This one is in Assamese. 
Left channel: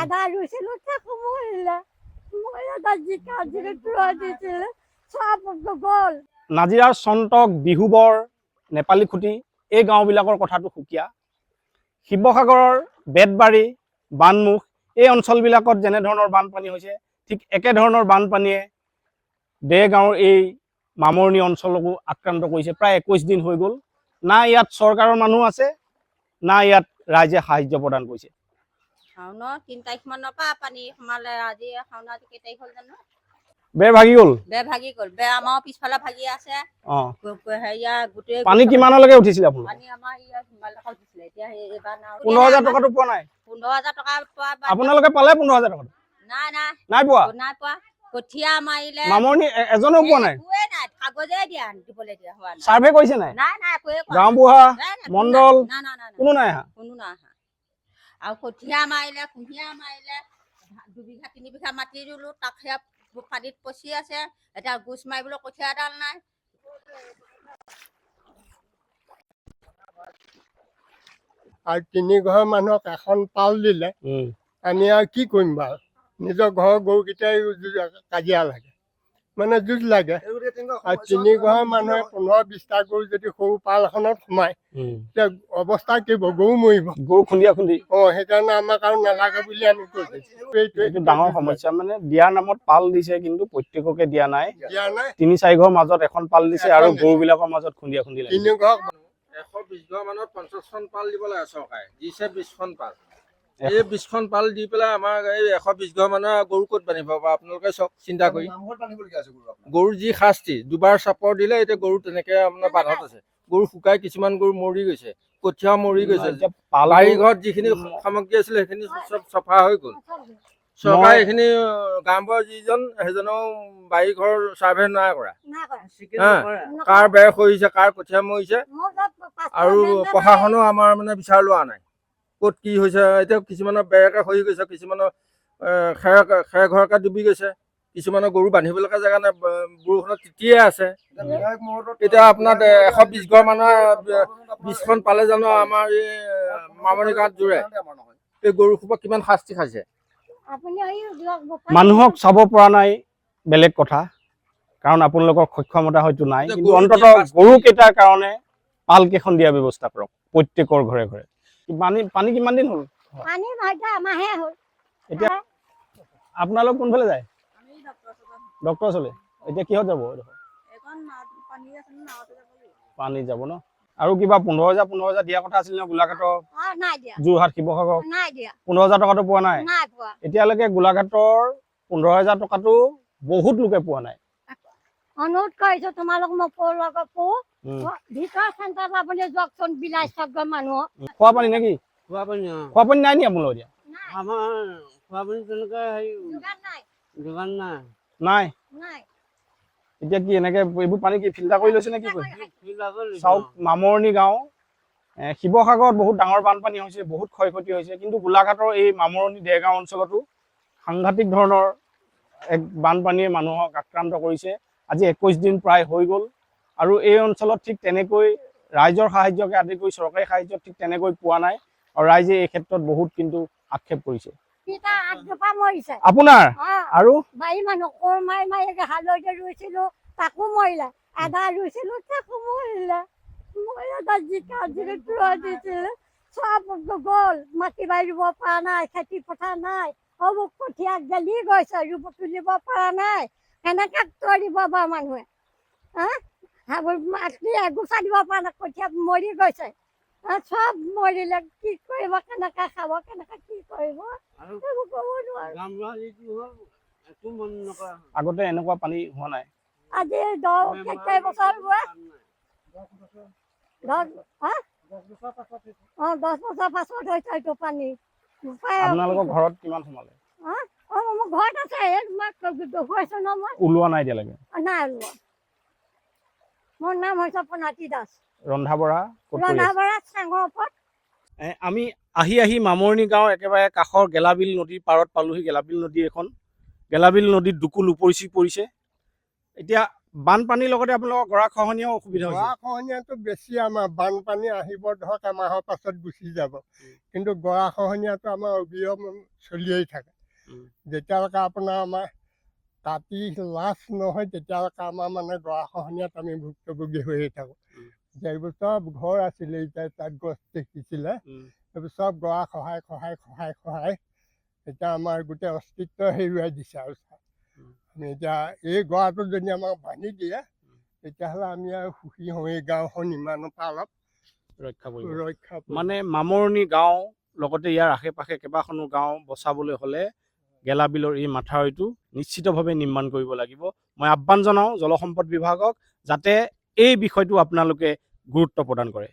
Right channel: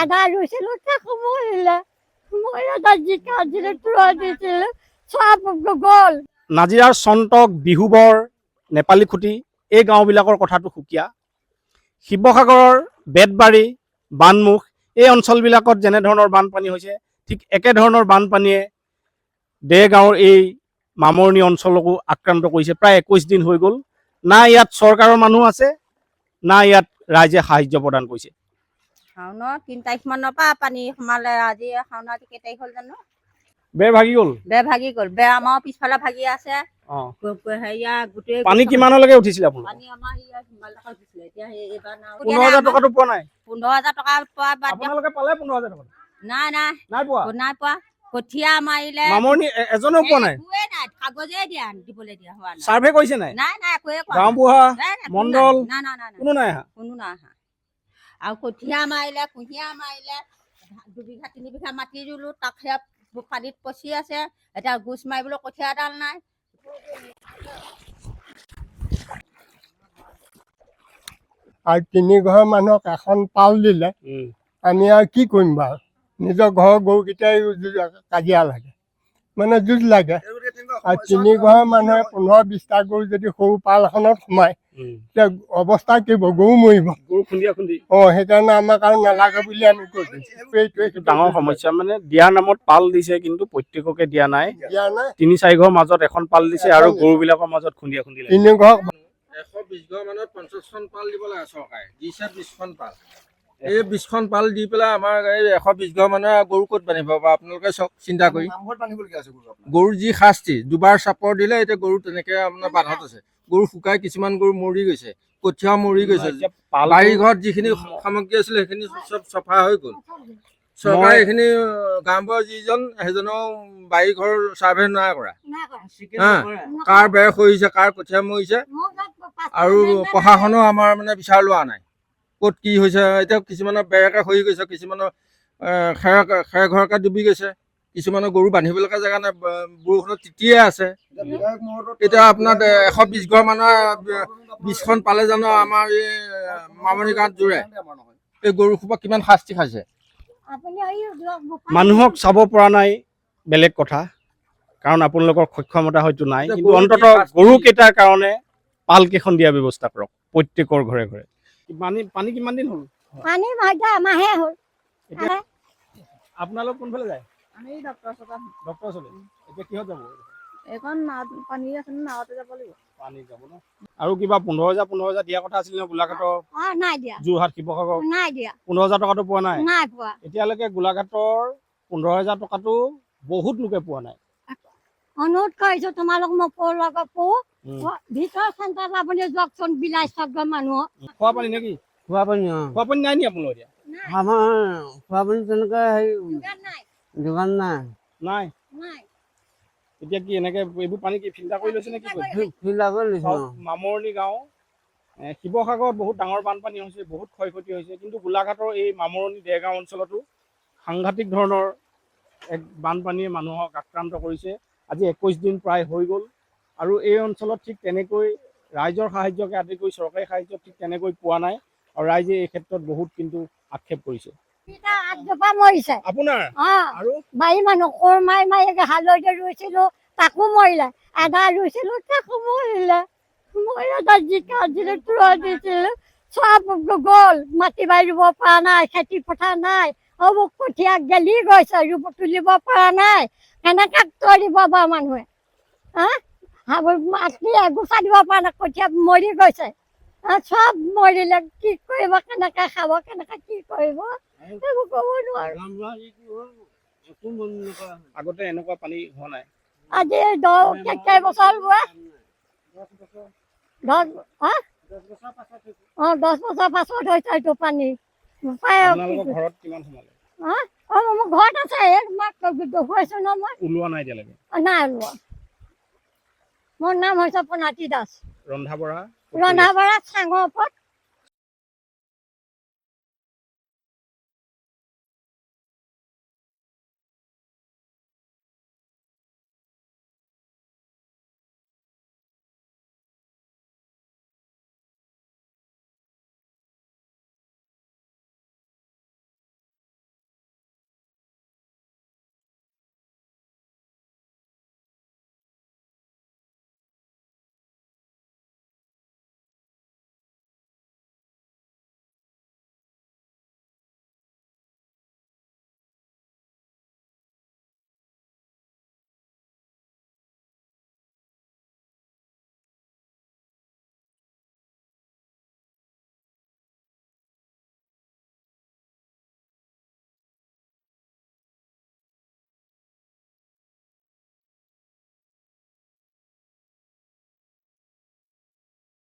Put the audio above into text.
আদা ৰুইছিলোঁ তাকো মৰিলে মই এটা জিকা দিলোঁ তুৰৈ দিছিলোঁ চব গ'ল। নাজিৰাৰ চন্তক বিহুবৰ নেপালী খুটি এই গাঁওবিলাকৰ কথাটো সুকীয়া। শিৱসাগৰৰ বেতবাৰী বানমুখ এই অঞ্চলবিলাকত যেনেধৰণৰ বানপানী হৈছে ঠিক একেধৰণৰ বানপানীয়ে দেৰগাঁৱৰ এই মামৰণি অঞ্চলকো আক্ৰান্ত কৰিছে। প্ৰায় 21 দিন হৈ গ'ল। না ইয়াত চৰকাৰৰ মানুহ আছে না ইয়াত ৰাইজে সাহায্য প্ৰদান কৰিছে। শাওনৰ 3 তাৰিখ মানৰ পৰা পানী সোমালে। আজি শাওনৰ আজি কেই তাৰিখ হ'ল জানো? বেৰ ভাগি গ'ল। বেৰ ভাগি গ'ল। বেৰ আমাৰ পিছফালে ভাগি আছে। হেৰিয়া গোটেই পানী কিমানলৈকে উঠিছিল আপোনাৰ? পানী আমাৰ ইয়াত হিমালয়খন উঠিছিলে। এতিয়া এইবাৰ 15,000 টকাটো পোৱা নাই? 15,000 টকা পোৱা বাদ আপোনালোকে পালে 15,000 টকা? নাই নাই নাই পোৱা। নাই পোৱা। কঠীয়া মাৰিলে মামৰণি এজনো পোৱা নাই। একোৱে নাই, কাগজে দিয়া দিবলৈ দিয়া হোৱা নাই। সাৰ্ভে কৰিছে নাই? নাই নাই একোৱে কৰা গাঁওবুঢ়া নাই। নাই, মণ্ডল নাই নাই নাই কোনো নাই আহা। কোনো নাই আহা। আৰু কঠীয়া মাৰিলে কুঁহিয়া মাৰিলে 2 বিঘা 3 বিঘা মাটি ৰুলো তাক সেয়া পানীত পচি আছে। এতিয়া গোচ মাৰিবলৈ কঠীয়া এডাল নাই। আৰু 3 ঘৰ মানুহক এখন পাল দিলে আমি আৰু কি কৰিম বাৰু? নিজৰ ঘৰৰ গৰুকেইটাই কাজিয়া লাগে মানে যুঁজ লাগে। আৰু 3 ঘৰ মানুহে 15-20টা গৰু যদি সৰু পাল এখনত সোমায় তেতিয়া অৱস্থা কি হ'ব? গৰু মৰিব। গৰু খুন্দিয়া খুন্দি সেইকাৰণে আমাক আৰু নালাগে বুলি আমি কৈ দিছোঁ। এইটো ডাঙৰ সমস্যা। মানে দিয়াৰ নামত পাল দিছে কিন্তু প্ৰত্যেককে দিয়া নাই। দিয়া নাই। 3-4 ঘৰ মাজত এখন পাল দিছে আৰু গৰুবিলাকৰ মাজত খুন্দিয়া খুন্দি লাগে। 3 ঘৰ 120 ঘৰ মানত 50খন পাল দিব লাগে চৰকাৰে। দিছে 20খন পাল। এই 20খন পাল দি পেলাই আমাৰ এই 120 ঘৰ মানুহৰ গৰু ক'ত বান্ধিব বা আপোনালোকে চাওক চিন্তা কৰি। গৰু যি শাস্তি, দুবাৰ চাপৰ দিলে এতিয়া গৰু তেনেকে আপোনাৰ বান্ধত আছে। গৰু শুকাই কিছুমান গৰু মৰি গৈছে, কঠীয়া মৰি গৈছে। বাৰী ঘৰত যিখিনি সামগ্ৰী আছিলে সেইখিনি চব চফা হৈ গ'ল। চৰকাৰে এইখিনি গাঁওবুঢ়া যিজন সেইজনেও বাৰী ঘৰ চাৰ্ভে নাই কৰা। কাৰ বেৰ খহিছে, কাৰ কঠীয়া মৰিছে আৰু প্ৰশাসনেও আমাৰ মানে বিচাৰ লোৱা নাই ক'ত কি হৈছে। এতিয়া কিছুমানৰ বেৰকে খহি গৈছে, কিছুমানৰ খেৰ ঘৰকে ডুবি গৈছে, কিছুমানৰ গৰু বান্ধিবলৈকে জেগা নাই, বৰষুণত তিতিয়ে আছে। এতিয়া আপোনাৰ 120 ঘৰ মানুহৰ 20খন পালে জানো আমাৰ এই মামৰণি গাঁৱত জোৰে? এই গৰু সোপা কিমান শাস্তি খাইছে। মানুহক চাব পৰা নাই বেলেগ কথা, কাৰণ আপোনালোকৰ সক্ষমতা হয়তো নাই। কিন্তু অন্ততঃ গৰুকেইটাৰ কাৰণে পাল কেইখন দিয়া ব্যৱস্থা কৰক প্ৰত্যেকৰ ঘৰে ঘৰে। পানী কিমান দিন হ'ল? পানী এমাহে হ'ল। এতিয়া আপোনালোক কোনফালে যায়? আমি ডক্টৰ ওচৰলৈ। এতিয়া কিহত যাব? এইখন পানী আছে নাৱতে যাব লাগিব। পানী যাব ন? আৰু কিবা 15,000 দিয়া কথা আছিল ন গোলাঘাটৰ? নাই দিয়া। যোৰহাট শিৱসাগৰ নাই দিয়া। 15,000 টকাটো পোৱা নাই? নাই পোৱা। এতিয়ালৈকে গোলাঘাটৰ 15,000 টকাটো বহুত লোকে পোৱা নাই। অনুৰোধ কৰিছো তোমালোক মোক ভিতৰৰ চেণ্টাৰত আপুনি যাওকচোন বিলাহী চব মানুহ। খোৱা পানী নেকি? খোৱা পানী খোৱা পানী নাই নি আপোনালোকৰ এতিয়া? আমাৰ খোৱা পানী তেনেকৈ হেৰি যোগান নাই। নাই। নাই। এতিয়া কি এনেকে এইবোৰ পানী কি ফিল্টাৰ কৰি লৈছে নে কি কৰিছে? ফিল্টাৰ কৰি লৈছে। চাওক মামৰণি গাঁও শিৱসাগৰত বহুত ডাঙৰ বানপানী হৈছে, বহুত ক্ষয়ক্ষতি হৈছে, কিন্তু গোলাঘাটৰ এই মামৰণি দেৰগাঁও অঞ্চলতো সাংঘাতিক ধৰণৰ এক বানপানীয়ে মানুহক আক্ৰান্ত কৰিছে। আজি 21 দিন প্ৰায় হৈ গ'ল আৰু এই অঞ্চলত ঠিক তেনেকৈ ৰাইজৰ সাহায্যকে আদি কৰি চৰকাৰী সাহায্য ঠিক তেনেকৈ পোৱা নাই আৰু ৰাইজে এই ক্ষেত্ৰত বহুত কিন্তু আক্ষেপ কৰিছে। আপোনাৰ আৰু বাৰী মানুহ কোৰ মাৰি হালধি ৰুইছিলো তাকো মৰিলে, আদা ৰুইছিলো তাকো মৰিলে, মই এটা জিকা দিলো তুৰৈ দিছিলো চব গ'ল। মাটি বাৰী ৰুব পৰা নাই, খেতি পথাৰ নাই, কঠীয়া গেলি গৈছে, তুলিব পৰা নাই। কেনেকে তৰিব বাৰু মানুহে? মাটি এগোচা দিব পৰা নাই, কঠীয়া মৰি গৈছে, চব মৰিলে। কি কৰিব? কেনেকে খাব? কেনেকে কি কৰিব? এইবোৰ ক'ব নোৱাৰো। আগতে এনেকুৱা পানী হোৱা নাই? আজি 10 বছৰ হোৱা 10 বছৰ পাছত হৈছে এইটো পানী। আপোনালোকৰ ঘৰত কিমান সোমালে? মোৰ ঘৰত আছে, হৈছে ন মই ওলোৱা নাই এতিয়ালৈকে? নাই ওলোৱা। মোৰ নাম হৈছে প্ৰণাতি দাস। ৰন্ধা বঢ়া চাঙৰ ওপৰত। আমি আহি মামৰণি গাঁও একেবাৰে কাষৰ গেলাবিল নদীৰ পাৰত পালোহি। গেলাবিল নদী এখন, গেলাবিল নদীত দুকুল উপচি পৰিছে। এতিয়া বানপানীৰ লগতে আপোনালোকৰ গৰাখহনীয়াও অসুবিধা হৈছে। গৰাখহনীয়াটো বেছি আমাৰ বানপানী আহিব ধৰক এমাহৰ পাছত গুচি যাব, কিন্তু গৰাখহনীয়াটো আমাৰ অবিৰম চলিয়েই থাকে। যেতিয়ালৈকে আপোনাৰ আমাৰ কাটি লাজ নহয় তেতিয়ালৈকে আমাৰ মানে গৰাখহনীয়াত আমি ভুক্তভোগী হৈয়ে থাকোঁ। এতিয়া এইবোৰ চব ঘৰ আছিলে, এতিয়া তাত গছ দেখিছিলে, এইবোৰ চব গৰা খহাই এতিয়া আমাৰ গোটেই অস্তিত্ব হেৰুৱাই দিছে। আৰু আমি এতিয়া এই গৰাটো যদি আমাক ভাঙি দিয়ে তেতিয়াহ'লে আমি আৰু সুখী হওঁ, এই গাঁওখন ইমানৰ পৰা অলপ ৰক্ষা কৰিব। ৰক্ষা পৰিম। মানে মামৰণি গাঁও লগতে ইয়াৰ আশে পাশে কেইবাখনো গাঁও বচাবলৈ হ'লে গেলাবিলৰ এই মাথাউৰিটো নিশ্চিতভাৱে নিৰ্মাণ কৰিব লাগিব। মই আহ্বান জনাওঁ জলসম্পদ বিভাগক যাতে এই বিষয়টো আপোনালোকে গুৰুত্ব প্ৰদান কৰে।